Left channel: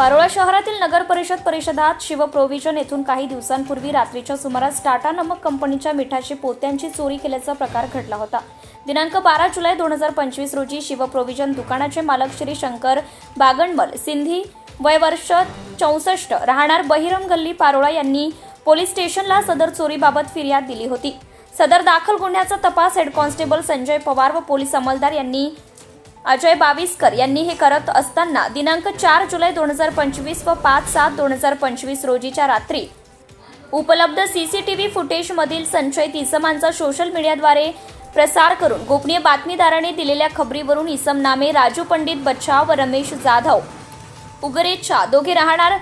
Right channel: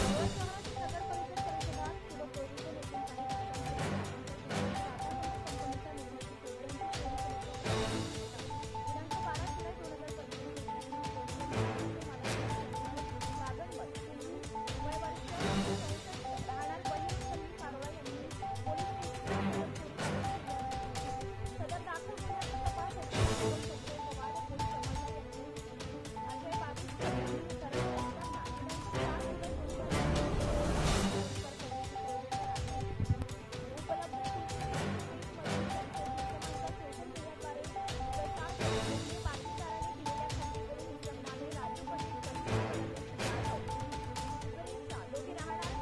पारोळा शहरातील नगर परिषदात शिव प्रोव्हिजन येथून काही दिवसांपूर्वी रात्रीच्या सुमारास टाटा नमक कंपनीच्या मिठाची पोत्यांची चोरी केल्याचा प्रकार घडला होता। दिनांक 12 जुलै 2025 रोजी शिव प्रोव्हिजन दुकानाचे मालक श्री शंकर बागणमल सिंधी वय वर्ष 64 राहणार बहिरम गल्ली पारोळा यांनी पोलीस स्टेशनला सदर चोरीबाबत फिर्याद दिली होती। सदर दाखल गुन्ह्याचा तपास हेड कॉन्स्टेबल संजय पवार व पोलीस अंमलदार यांनी अजय बाविस्कर यांनी हे करत असताना दिनांक 4 जुलै 2025 व 5/7/2025 रोजीच्या रात्री उपलब्ध सीसीटीव्ही फुटेज मधील संशयित इसमांचा सोशल मीडियाद्वारे प्रसार करून गोपनीय बातमीदाराने दिलेल्या खबरीवरून इसम नामे राजू पंडित बच्चाव व रमेश जाधव उगरेच्या दोघे राहणार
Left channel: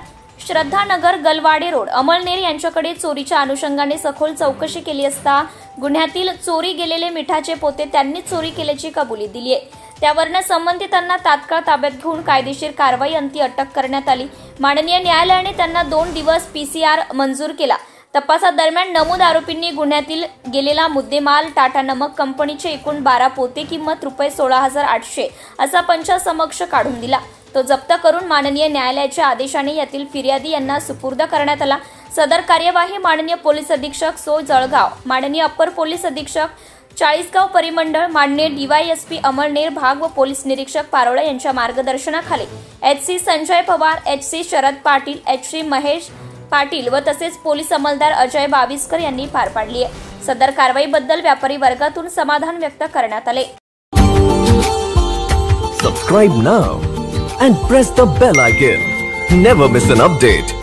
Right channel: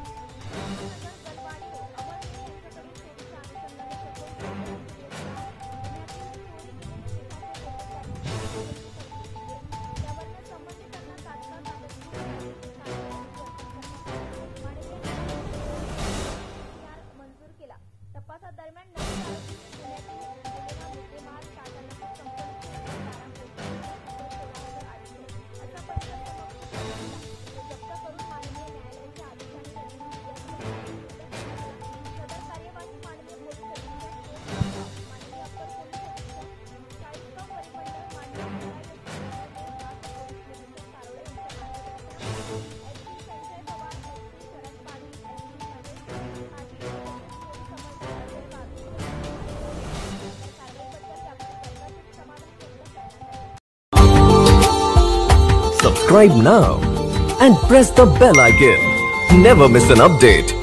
श्रद्धानगर गलवाडे रोड अमळनेर यांच्याकडे चोरीच्या अनुषंगाने सखोल चौकशी केली असता गुन्ह्यातील चोरी गेलेले मिठाचे पोते त्यांनीच चोरी केल्याची कबुली दिली आहे। त्यावरून संबंधितांना तात्काळ ताब्यात घेऊन कायदेशीर कारवाई अंती अटक करण्यात आली। माननीय न्यायालयाने त्यांना 2 दिवस पीसीआर मंजूर केला। तपासादरम्यान नमूद आरोपींनी गुन्ह्यातील गेलेला मुद्देमाल टाटा नमक कंपनीचे एकूण 12 पोते किंमत ₹16,800 असा पंचासमक्ष काढून दिला। तो जप्त करून माननीय न्यायालयाच्या आदेशाने यातील फिर्यादी यांना सुपूर्द करण्यात आला। सदर कार्यवाही माननीय पोलीस अधीक्षक सो जळगाव, माननीय अप्पर पोलीस अधीक्षक चाळीसगाव परिमंडळ, माननीय डीवायएसपी अमळनेर भाग व पोलीस निरीक्षक पारोळा यांच्या मार्गदर्शनाखाली HC Sanjay Pawar, HC Sharad Patil, HC Mahesh Patil व तसेच पोलीस अंमलदार अजय बाविस्कर यांनी पार पाडली आहे। सदर कारवाईबद्दल व्यापारी वर्गातून समाधान व्यक्त करण्यात आले। Subscribe now and press the bell icon. Never miss an update.